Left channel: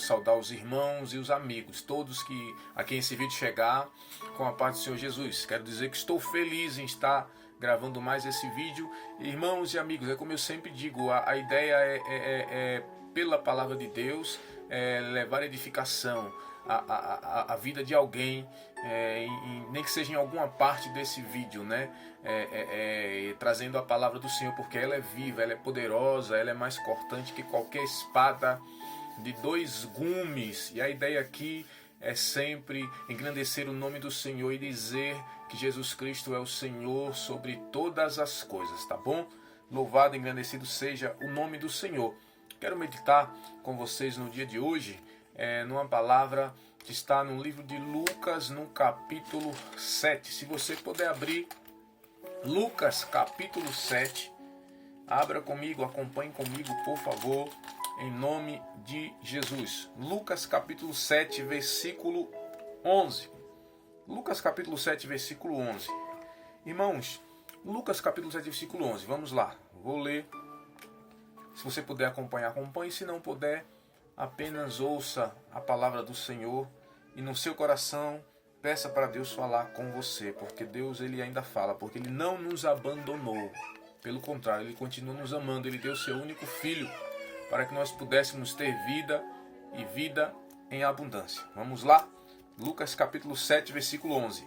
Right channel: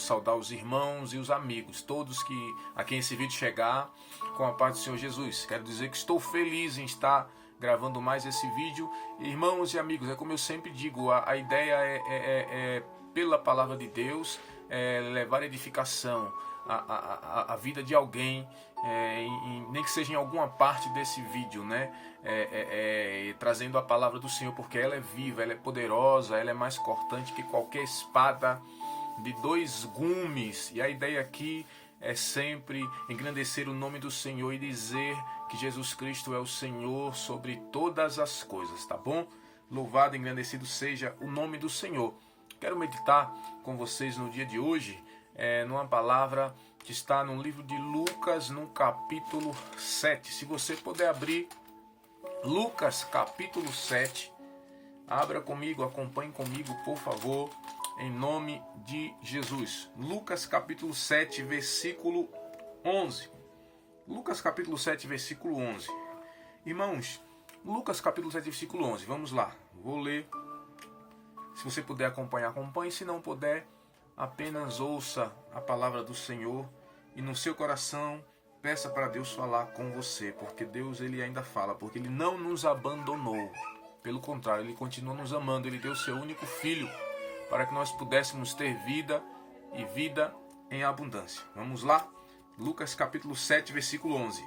saudar os irmãos e os amigos, todos a quem esse vídeo chegar, com a paz do Senhor Jesus. Quero dizer que estou feliz em estar gravando mais esse vídeo. Irmãos e amigos, é como eu sempre digo, a ideia é pela palavra de Deus, levar edificação à vida de alguém, nem que seja em alguma parte desse vídeo, né? Trazendo a palavra do Senhor, porque ela é viva, ela é poderosa, ela é mais cortante que qualquer espada de 2 gumes. E a ideia aqui é sempre engrandecer o nome do Senhor e dizer que Jesus Cristo é o Senhor sobre todas as coisas, tá bom? Louvado e engrandecido seja o nome do Senhor. Quero meditar com vocês no dia de hoje numa palavra que está no livro de Lucas, no capítulo 7. Se você puder abrir Lucas, capítulo 7, abra comigo, acompanhe comigo, por favor, em nome de Jesus. Lucas, capítulo 7, versículo 11. Lucas, capítulo 7, versículo 11. Irmãos, Lucas, capítulo 7, versículo 11. Vamos lá, vou ler. Se você puder acompanhar, acompanhe. Se não puder, apenas ouça a palavra do Senhor e no seu coração peça para Deus falar com você, porque Deus ele ainda fala, porque Ele não nos abandonou. Pelo contrário, Ele continua nos amando. Ele deu seu único Filho para que nós pudéssemos ter vida e vida em abundância. Vamos lá? Lucas capítulo 7, versículo 11.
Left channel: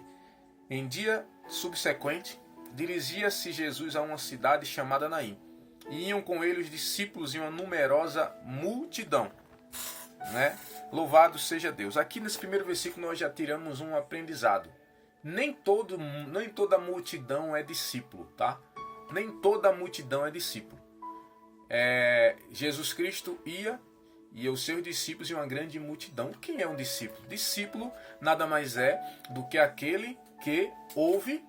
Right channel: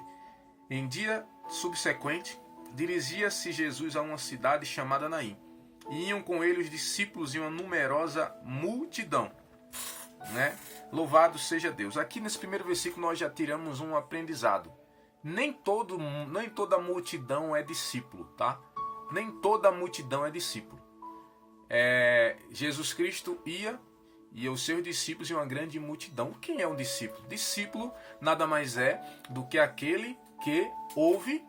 Em dia subsequente, dirigia-se Jesus a uma cidade chamada Naim. E iam com ele os discípulos e uma numerosa multidão, né? Louvado seja Deus. Aqui nesse primeiro versículo nós já tiramos um aprendizado. Nem toda multidão é discípulo, tá? Nem toda multidão é discípulo. Jesus Cristo ia e os seus discípulos e uma grande multidão. Quem é um discípulo? Discípulo nada mais é do que aquele que ouve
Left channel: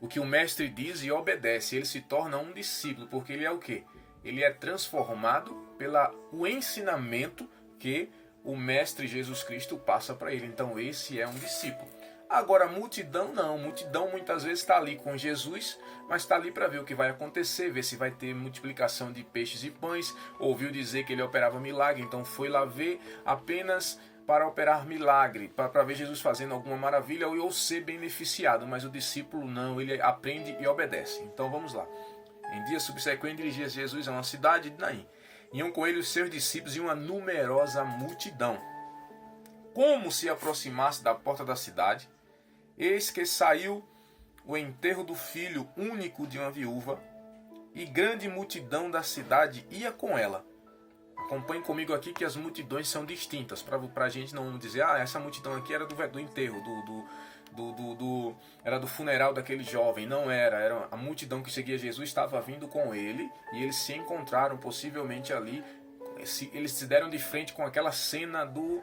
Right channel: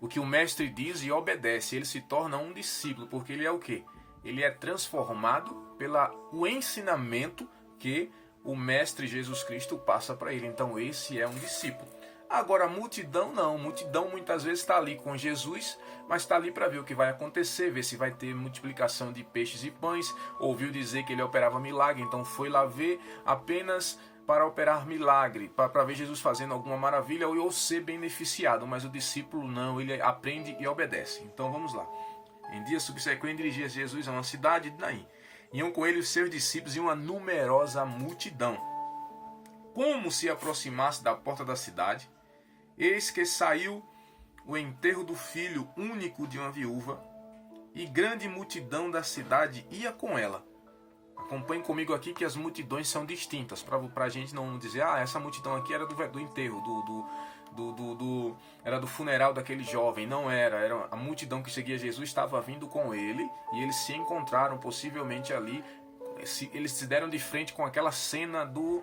o que o mestre diz e obedece. Ele se torna um discípulo, porque ele é o quê? Ele é transformado pelo ensinamento que o mestre Jesus Cristo passa para ele. Então esse é um discípulo. Agora a multidão não. A multidão muitas vezes está ali com Jesus, mas está ali para ver o que vai acontecer, ver se vai ter multiplicação de peixes e pães. Ouviu dizer que ele operava milagre, então foi lá ver apenas para operar milagre, para ver Jesus fazendo alguma maravilha ou ser beneficiado. Mas o discípulo não, ele aprende e obedece. Então vamos lá. Em dia subsequente dirigia Jesus a uma cidade de Naim. Iam com ele os seus discípulos e uma numerosa multidão. Como se aproximasse da porta da cidade, eis que saiu o enterro do filho único de uma viúva, e grande multidão da cidade ia com ela. Acompanhe comigo aqui que as multidões são distintas, para a gente não dizer, essa multidão aqui era do enterro, era do funeral daquele jovem. Não era a multidão que seguia Jesus, estava vindo com ele, e eles se encontraram possivelmente ali, eles se deram de frente com aquela cena do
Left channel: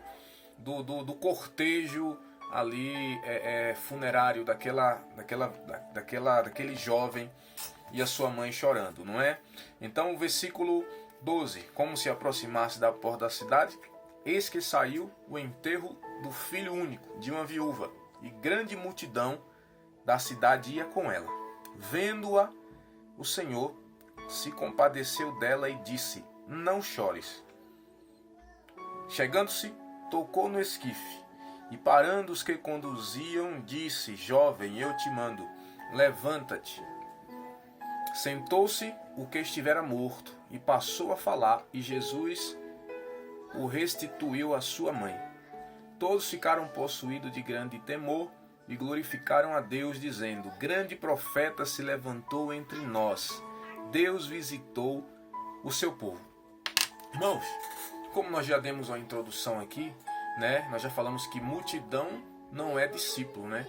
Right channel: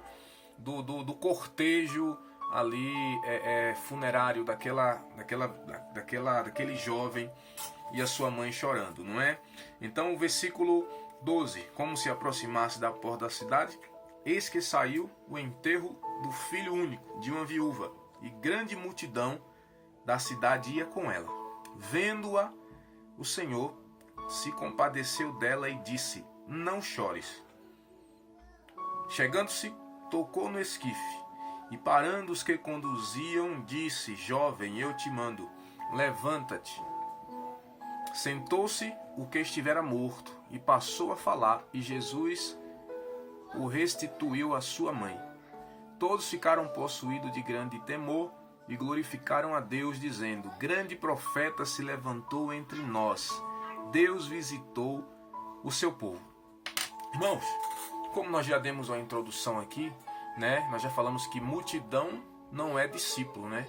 cortejo ali funerário daquele jovem e a sua mãe chorando, não é? Então o versículo 12, como se aproximasse da porta da cidade, eis que saiu o enterro do filho único de uma viúva, e grande multidão da cidade ia com ela. Vendo-a, o Senhor se compadeceu dela e disse: não chores. Chegando-se, tocou no esquife, e parando os que conduziam, disse: jovem, eu te mando, levanta-te. Sentou-se o que estivera morto, e passou a falar, e Jesus o restituiu à sua mãe. Todos ficaram possuídos de grande temor, e glorificaram a Deus, dizendo: grande profeta se levantou entre nós, Deus visitou o seu povo. Irmãos, como nós já demos uma introdução aqui, né? Nós já falamos que multidão não é discípulo, né?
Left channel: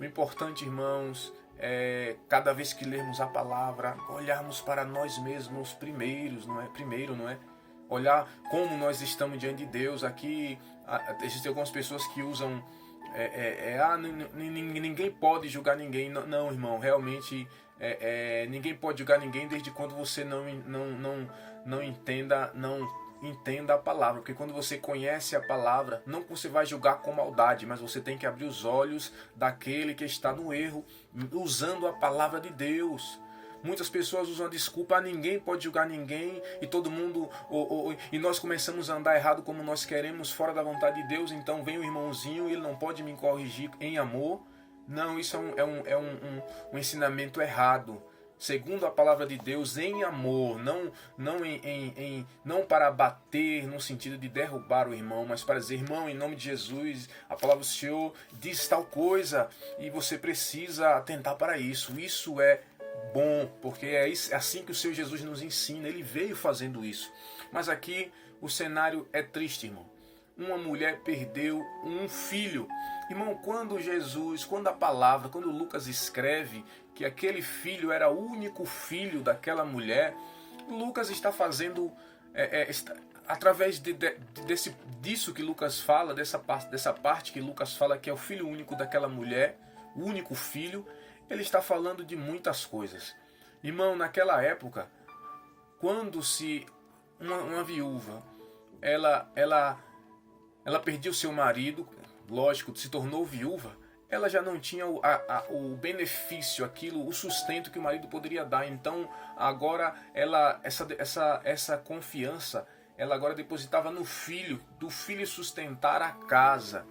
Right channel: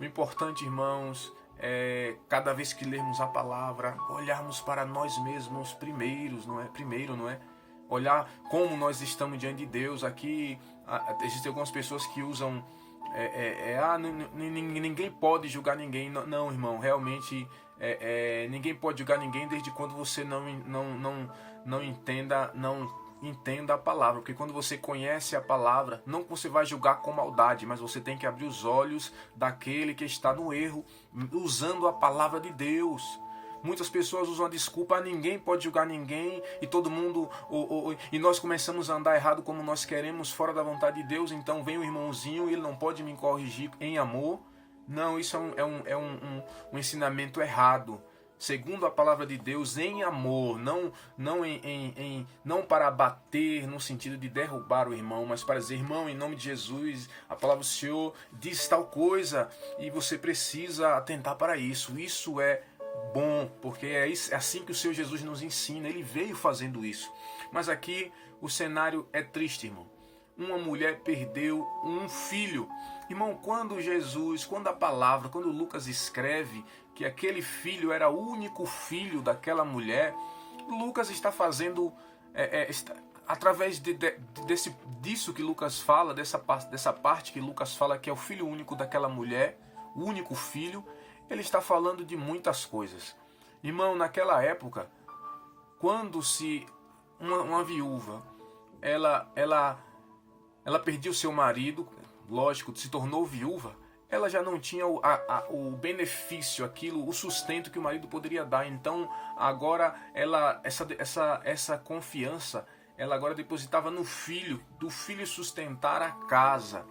O importante, irmãos, cada vez que lermos a palavra, olharmos para nós mesmos primeiro, não é? Olhar como nós estamos diante de Deus. Aqui existem algumas pessoas que usam ninguém pode julgar ninguém. Não, irmão, realmente ninguém pode julgar ninguém desde quando você não entenda a palavra, porque quando você conhece a palavra, não que você vai julgar com maldade, mas você tem que abrir os olhos daquele que está no erro, usando a palavra de Deus. Muitas pessoas usam a desculpa, ninguém pode julgar ninguém, e todo mundo, e nós começamos a andar errado como nós queremos, fora da vontade de Deus, então vem o irmãozinho e ele não pode me corrigir em amor. Não, isso é um ensinamento errado. Segundo a palavra de Deus, em amor, não para bater no sentido de derrubar o irmão, mas para dizer, irmão, em nome de Jesus, a palavra do Senhor diz tal coisa e você precisa atentar para isso. Isso é bom, porque é assim que o Senhor Jesus nos ensina, ele veio fazendo isso. Mas aqui o cenário é triste, irmão. Uma mulher perdeu um filho. Irmão, quando a palavra, quando Lucas escreve que aquele filho era o único filho daquela mulher, Lucas está fazendo, através disso que Lucas fala, dessa parte que Lucas fala que é o filho único daquela mulher, o único filho, ele está falando de muitas coisas. Irmão, naquela época, quando uma viúva, ela perdia o seu marido, lógico, se tornou viúva, ela já não tinha o benefício, o sustento que o marido poderia dar. Então, agora, essa confiança, ela agora depositava no filho, do filho sustentar a casa.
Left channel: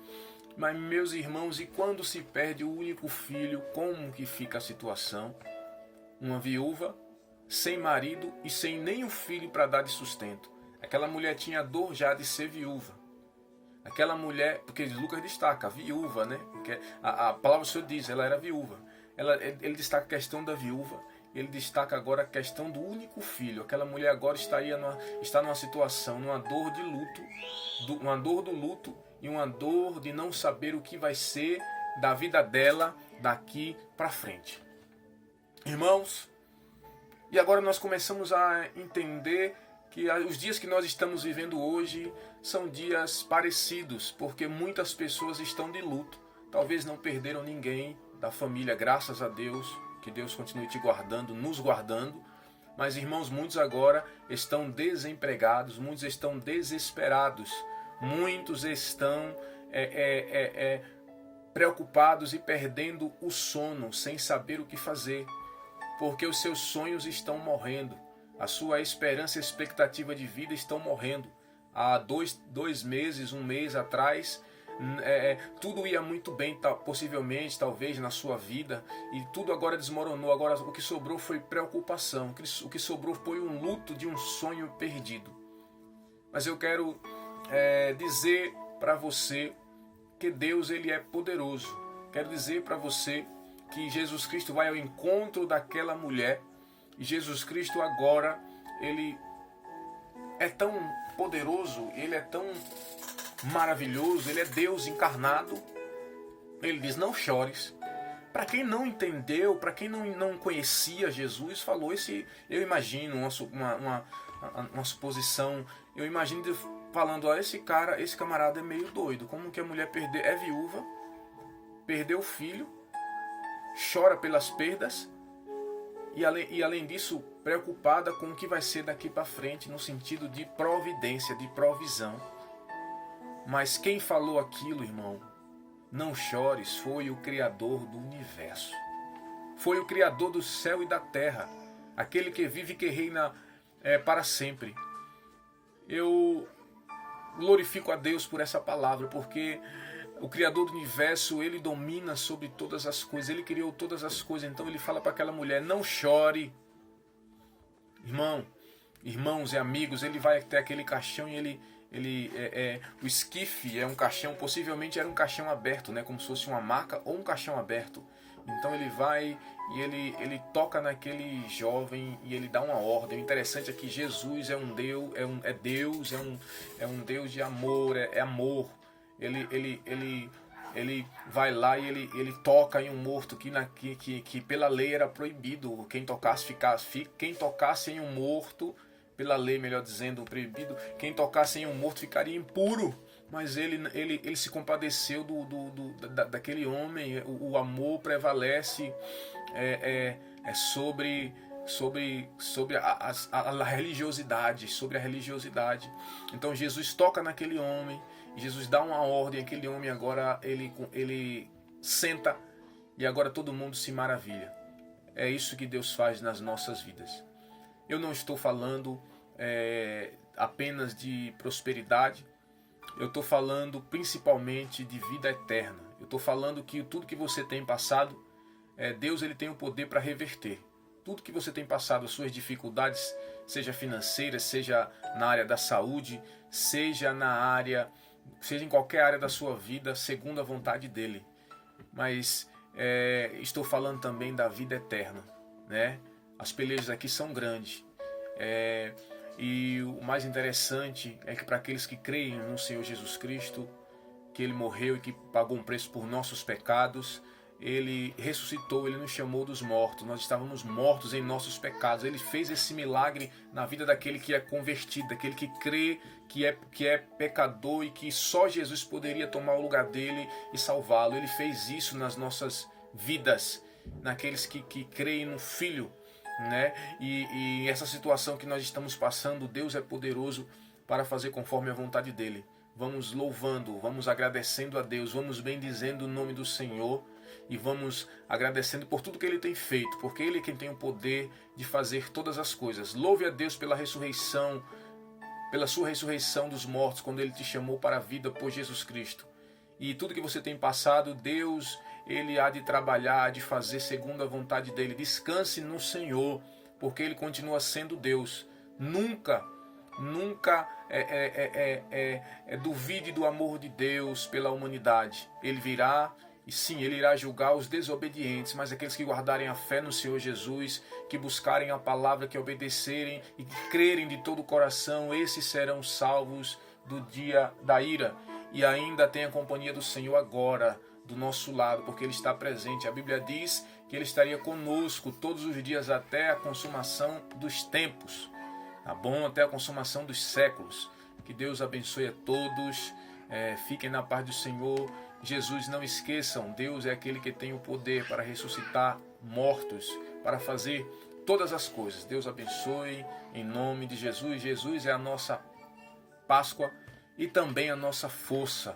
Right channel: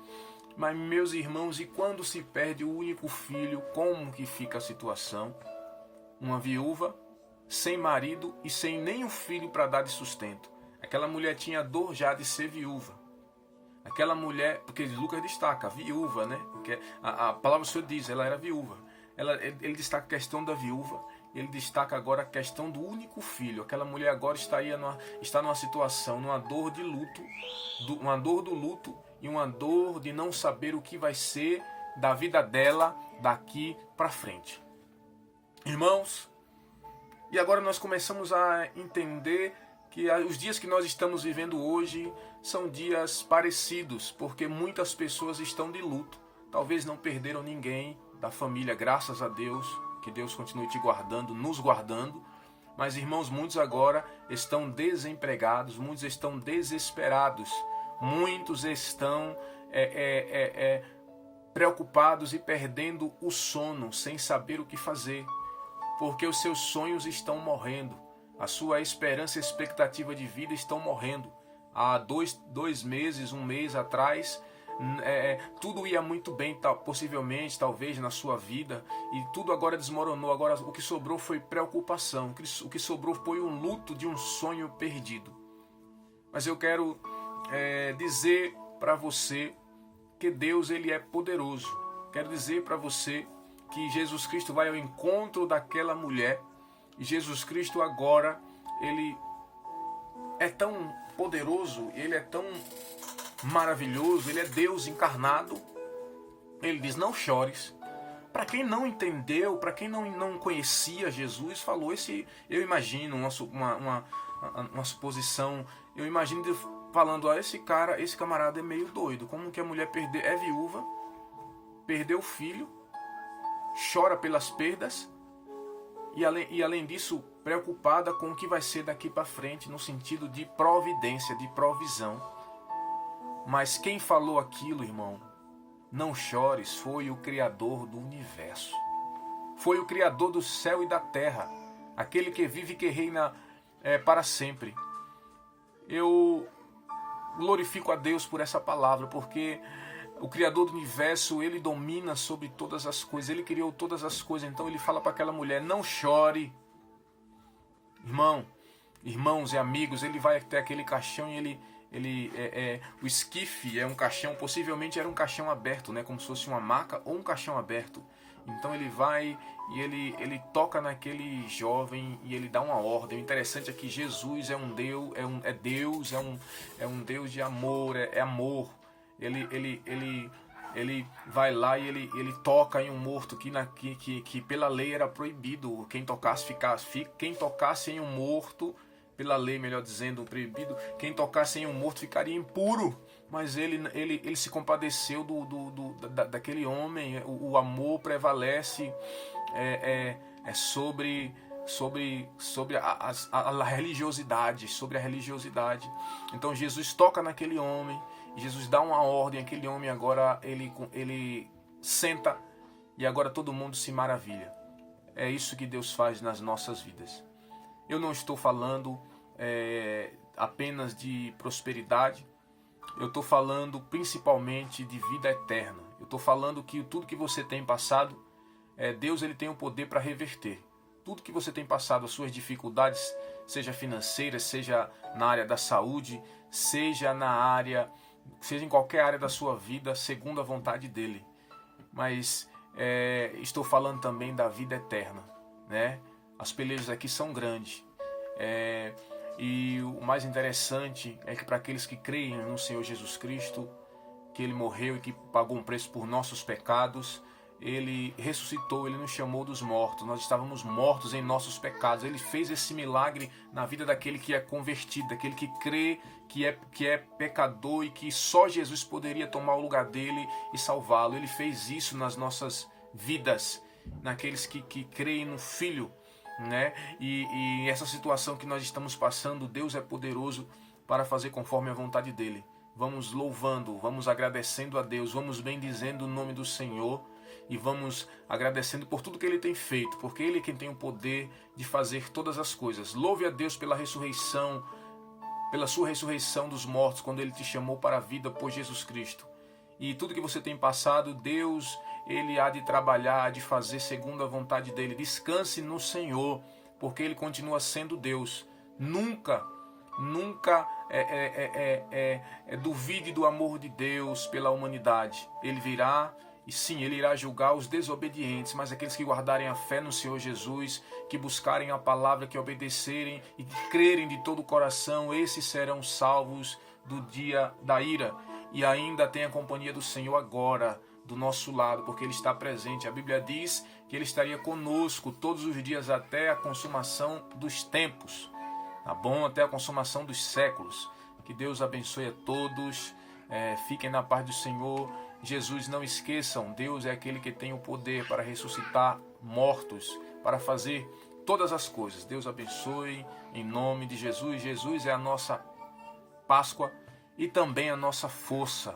Mas, meus irmãos, e quando se perde o único filho, como que fica a situação? Uma viúva, sem marido e sem nenhum filho para dar de sustento. Aquela mulher tinha dor já de ser viúva. Aquela mulher, porque Lucas destaca, a viúva, né? Porque a palavra do Senhor diz, ela era viúva. Ele destaca a questão da viúva, ele destaca agora a questão do único filho. Aquela mulher agora está numa situação, numa dor de luto, uma dor do luto e uma dor de não saber o que vai ser da vida dela daqui para frente. Irmãos, e agora nós começamos a entender que os dias que nós estamos vivendo hoje são dias parecidos, porque muitas pessoas estão de luto. Talvez não perderam ninguém da família, graças a Deus, que Deus continue te guardando, nos guardando. Mas, irmãos, muitos agora estão desempregados, muitos estão desesperados, muitos estão preocupados e perdendo o sono, sem saber o que fazer, porque os seus sonhos estão morrendo. A sua esperança e expectativa de vida estão morrendo. Há dois meses, um mês atrás, tudo ia muito bem, possivelmente, talvez, na sua vida, e tudo agora desmoronou. Agora o que sobrou foi preocupação, o que sobrou foi um luto de um sonho perdido. Mas eu quero dizer para você que Deus, ele é poderoso. Quero dizer para você que Jesus Cristo vai ao encontro daquela mulher. E Jesus Cristo agora, ele é tão poderoso, ele é tão maravilhoso, ele é Deus encarnado. Ele diz, não chores. Para quem não entendeu, para quem não conhecia Jesus, falou eu imagino uma suposição, eu imagino falando, ó, esse camarada é meio doido. Como que a mulher é viúva, perdeu o filho, chora pelas perdas, e além disso, preocupada com o que vai ser daqui para frente, no sentido de providência, de provisão. Mas quem falou aquilo, irmão, não chores, foi o Criador do universo. Foi o Criador do céu e da terra, aquele que vive e que reina para sempre. Eu glorifico a Deus por essa palavra, porque o Criador do universo, ele domina sobre todas as coisas, ele criou todas as coisas. Então ele fala para aquela mulher, não chore. Irmãos e amigos, ele vai até aquele caixão e o esquife é um caixão, possivelmente era um caixão aberto, né, como se fosse uma maca ou um caixão aberto. Então ele vai e ele toca naquele jovem e ele dá uma ordem. O interessante é que Jesus é um Deus, é um Deus de amor, é amor. Ele vai lá e ele toca em um morto que pela lei era proibido. Quem tocasse em um morto, pela lei, melhor dizendo, proibido, quem tocasse em um morto ficaria impuro. Mas ele se compadeceu daquele homem. O amor prevalece sobre a religiosidade, Então Jesus toca naquele homem, Jesus dá uma ordem, aquele homem agora ele senta e agora todo mundo se maravilha. é isso que Deus faz nas nossas vidas. Eu não estou falando apenas de prosperidade, eu estou falando principalmente de vida eterna. Eu estou falando que tudo que você tem passado, Deus ele tem o poder para reverter. Tudo que você tem passado, as suas dificuldades, seja financeiras, seja na área da saúde, seja em qualquer área da sua vida, segundo a vontade dele. Mas estou falando também da vida eterna, né? As pelejas aqui são grandes. E o mais interessante é que para aqueles que creem no Senhor Jesus Cristo, que Ele morreu e que pagou um preço por nossos pecados, Ele ressuscitou, Ele nos chamou dos mortos. Nós estávamos mortos em nossos pecados. Ele fez esse milagre na vida daquele que é convertido, daquele que crê que é pecador e que só Jesus poderia tomar o lugar dele e salvá-lo. Ele fez isso nas nossas vidas, naqueles que creem no Filho, né? E essa situação que nós estamos passando, Deus é poderoso para fazer conforme a vontade dele. Vamos louvando, vamos agradecendo a Deus, vamos bendizendo o nome do Senhor e vamos agradecendo por tudo que Ele tem feito, porque Ele é quem tem o poder de fazer todas as coisas. Louve a Deus pela ressurreição, pela sua ressurreição dos mortos, quando Ele te chamou para a vida por Jesus Cristo. E tudo que você tem passado, Deus, Ele há de trabalhar, há de fazer segundo a vontade dEle. Descanse no Senhor, porque Ele continua sendo Deus. Nunca duvide do amor de Deus pela humanidade. Ele virá, e sim, Ele irá julgar os desobedientes, mas aqueles que guardarem a fé no Senhor Jesus, que buscarem a palavra, que obedecerem e que crerem de todo o coração, esses serão salvos do dia da ira. E ainda tem a companhia do Senhor agora, do nosso lado, porque Ele está presente. A Bíblia diz que Ele estaria conosco todos os dias até a consumação dos tempos. Tá bom? Até a consumação dos séculos. Que Deus abençoe a todos. Fiquem na paz do Senhor. Jesus, não esqueçam, Deus é aquele que tem o poder para ressuscitar mortos, para fazer todas as coisas. Deus abençoe em nome de Jesus. Jesus é a nossa Páscoa e também a nossa força.